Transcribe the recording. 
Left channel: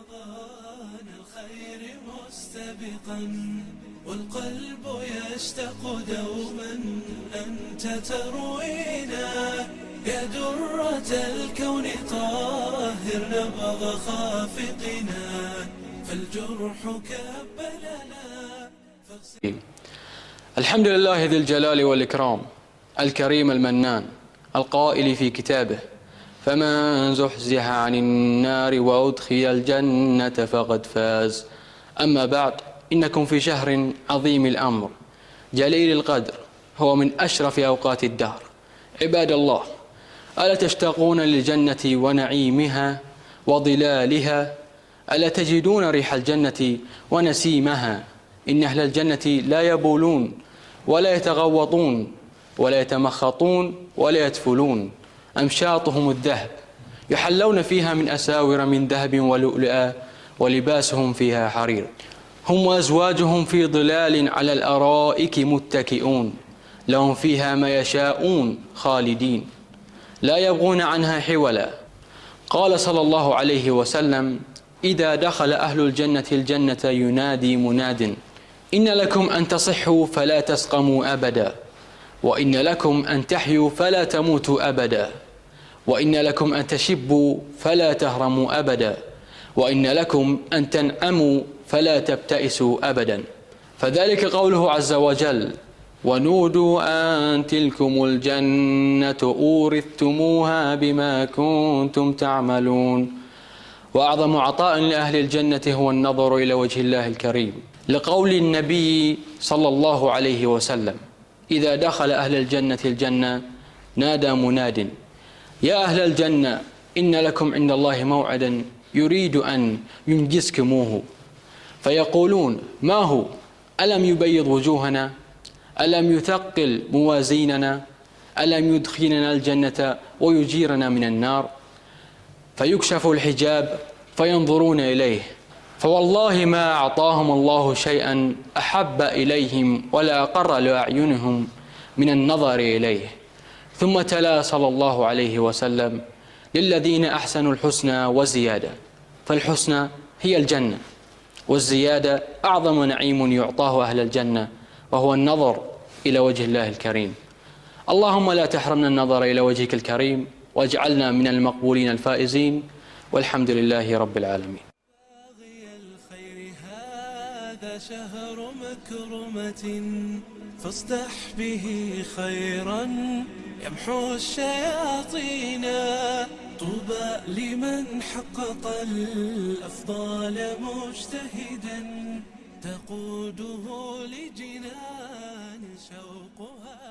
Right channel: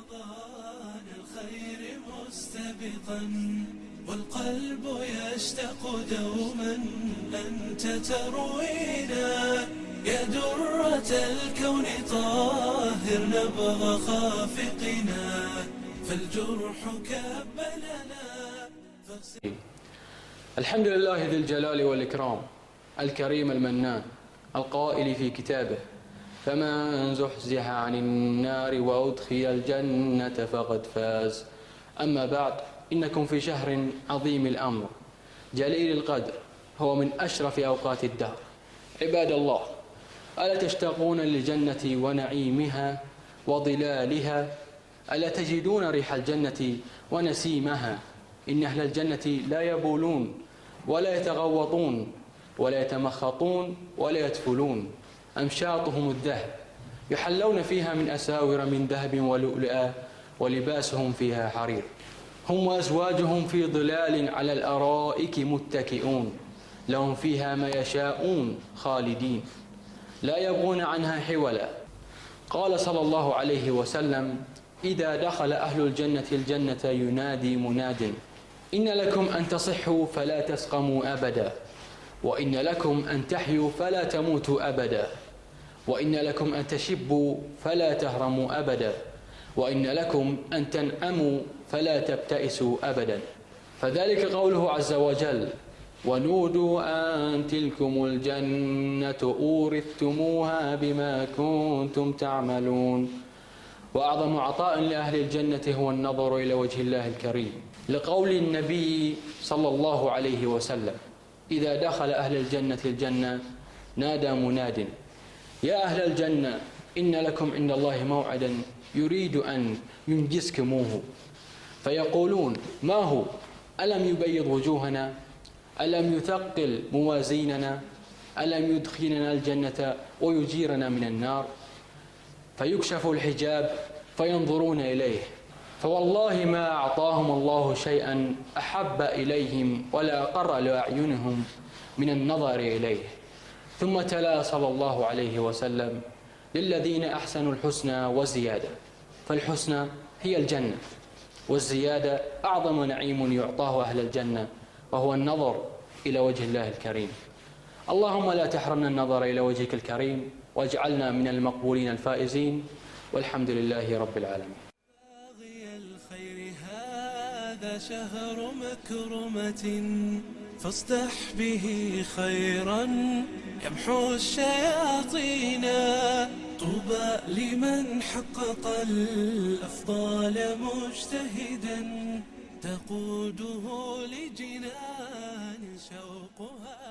رمضان الخير مستبقا والقلب يشتاق دوما أنت تروينا يا درة الكون طاهر نبض خافقنا فالجرح كبلنا الحمد لله ذي الجلال والإكرام الكريم المنان القائل في كتابه فمن زحزح عن النار وأدخل الجنة فقد فاز. أما بعد، إنكم في شهر عظيم الأمر جليل القدر، هو من أشرف أوقات الدهر. عباد الله، ألا تشتاقون للجنة ونعيمها وظلالها؟ ألا تجدون ريح الجنة ونسيمها؟ إن أهل الجنة لا يبولون ولا يتغوطون ولا يتمخطون ولا يتفلون، أمشاطهم الذهب، يحلون فيها من أساور من ذهب ولؤلؤا ولباسهم فيها حرير. هم وأزواجهم في ظلال على الأرائك متكئون، لهم فيها ما يشاءون خالدين لا يبغون عنها حولا. قال صلى الله عليه وسلم: إذا دخل أهل الجنة الجنة ينادي مناد: إن لكم أن تصحوا فلا تسقموا أبدا، وإن لكم أن تحيوا فلا تموتوا أبدا، وإن لكم أن تشبوا فلا تهرموا أبدا، وإن لكم أن تنعموا فلا تبتئسوا أبدا. فذلك قوله عز وجل: ونودوا أن تلكم الجنة أورثتموها بما كنتم تعملون. وأعظم عطاء لأهل الجنة هو النظر إلى وجه الله الكريم، لقول النبي صلى الله عليه وسلم: إذا دخل أهل الجنة الجنة نادى مناد: يا أهل الجنة إن لكم عند الله موعدا يريد أن ينجزكموه. فيقولون: ما هو؟ ألم يبيض وجوهنا؟ ألم يثقل موازيننا؟ ألم يدخلنا الجنة ويجيرنا من النار؟ فيكشف الحجاب فينظرون إليه، فوالله ما أعطاهم الله شيئا أحب إليهم ولا أقر لأعينهم من النظر إليه. ثم تلا صلى الله عليه وسلم: للذين أحسنوا الحسنى وزيادة. فالحسنى هي الجنة، والزيادة أعظم نعيم يعطاه أهل الجنة، وهو النظر إلى وجه الله الكريم. اللهم لا تحرمنا النظر إلى وجهك الكريم، واجعلنا من المقبولين الفائزين، والحمد لله رب العالمين. باغي الخير هذا شهر مكرمة فاصدح به خيرا يمحو الشياطين. طوبى لمن حقق الأفضال مجتهدا تقوده لجنان شوقها